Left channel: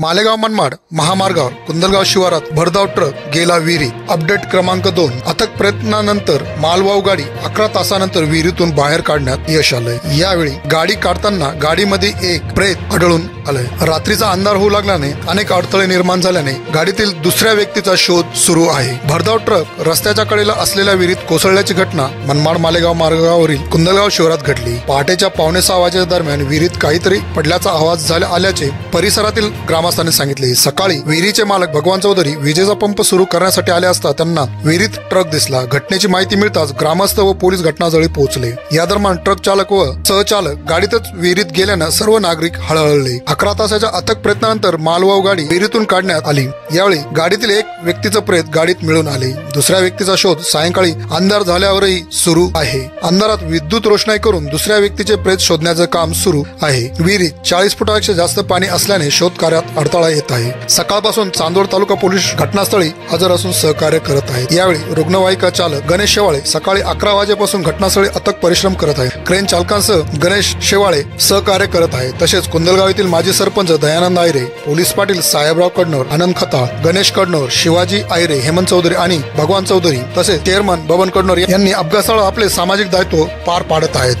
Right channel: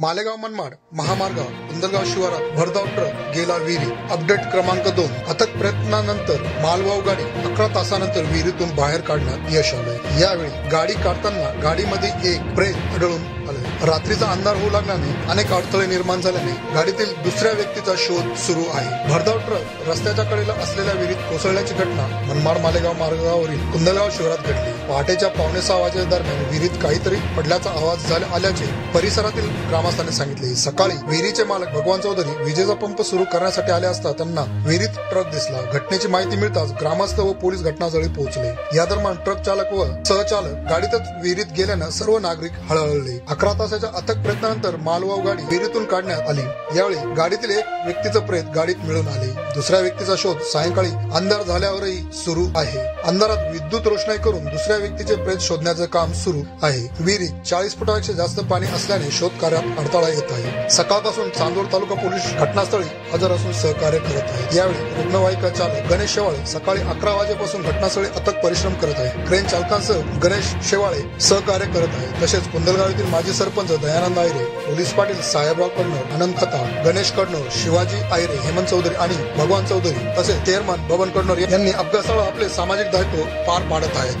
मालेगाव मनमाड महामार्गावर कुंदलगाव शिवारात भरधाव ट्रक गेला विहिरीत. अपडेट क्रमांक 2. अथक प्रयत्नानंतर मालवाहू गाडी 11 तासानंतर विहिरीतून बाहेर काढण्यात यश आलंय. यावेळी गाडी काढताना गाडीमध्ये एक प्रेत आढळून आलंय. रात्रीचा अंधार होऊ लागल्याने अनेक अडथळे निर्माण झाल्याने गाडीतील दुसऱ्या व्यक्तीचा शोध सुरू आहे. भरधाव ट्रक रस्त्याच्या कडेला असलेल्या विहिरीत कोसळल्याची घटना मनमाड मालेगाव मार्गावरील कुंदलगाव शिवारात घडली. पहाटेच्या 5:15 वाजेच्या दरम्यान विहिरीत काहीतरी पडल्याचा आवाज आल्याचे परिसरातील ग्रामस्थांनी सांगितले. सकाळी विहिरीचे मालक भगवान चौधरी विजेचा पंप सुरू करण्यासाठी आले असता त्यांना विहिरीत ट्रक दिसला. घटनेची माहिती मिळताच ग्रामस्थ व पोलीस घटनास्थळी पोहोचले. या दरम्यान ट्रक चालक व सहचालक गाडीतच विहिरीत गेल्यानं सर्व नागरिक हळहळले. 11 तासाच्या अथक प्रयत्नानंतर मालवाहू गाडी विहिरीतून काढण्यात आली. यावेळी गाडीतील एक व्यक्तीचं प्रेत गाडीत मिळून आले. दुसऱ्या व्यक्तीचा शोध सायंकाळी अंधार झाल्यावरही सुरू आहे. अंधारात विद्युत रोषणाई करून दुसऱ्या व्यक्तीचे प्रेत शोधण्याचं काम सुरू आहे. विहिरीत 40 फुटापेक्षा जास्त पाणी असल्याने शोध कार्यात अडथळा येत आहे. सकाळपासून चांदोड तालुका पोलीस घटनास्थळी हजर असून सहकार्य करत आहेत. यावेळी रुग्णवाहिका चालक गणेश शेवाळे सकाळी 11 वाजेपासून घटनास्थळी अथक परिश्रम करत आहे. क्रेन चालकांसह गणेश शेवाळे सहकार्य करत आहे. तसेच कुंदलगाव येथील माजी सरपंच दयानंद आयरे, पोलीस पाटील साहेबराव कडनोर, आनंद खताळ, गणेश कडनोर, शिवाजी आयरे, हेमंत चौधरी आणि भगवान चौधरी तसेच चेअरमन बबन कडनोर यांनी अपघाताला आपले सामाजिक दायित्व पार पाडत आहेत.